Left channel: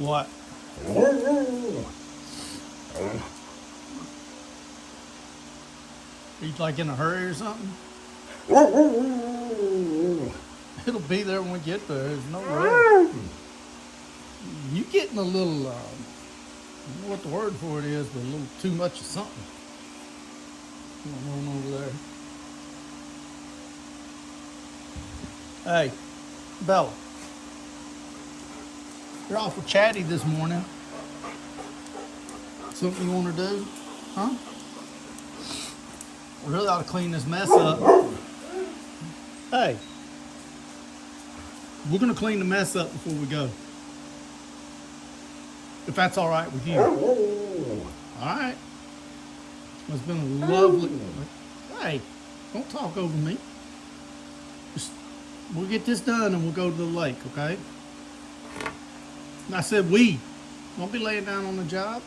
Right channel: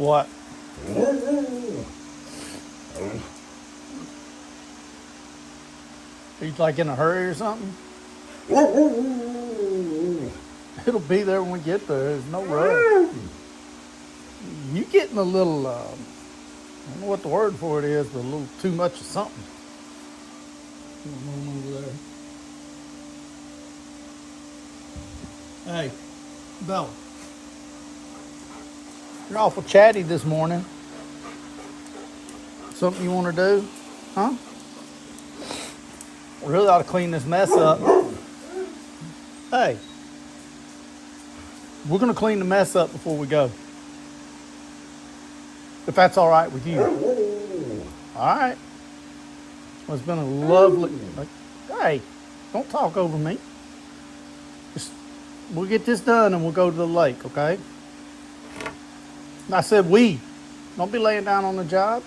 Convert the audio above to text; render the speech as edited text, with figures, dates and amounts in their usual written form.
What? Are you like in a hurry or something? It'll be there when we get there. There's no rush. You getting a little, I don't know what the word for it is, but a little too much of something going on over there. Hey, Bella, you're awful chatty this morning. Something you want to do? Huh? I really ought to clean this mess up. Hey, we're going to clean the mess up before we go. If that's all right with you. All right. Well, it's been a lovely... Hey, don't talk over me. We'll get this done and we'll go to the lake, okay? And I said we. Don't be laying down on the job.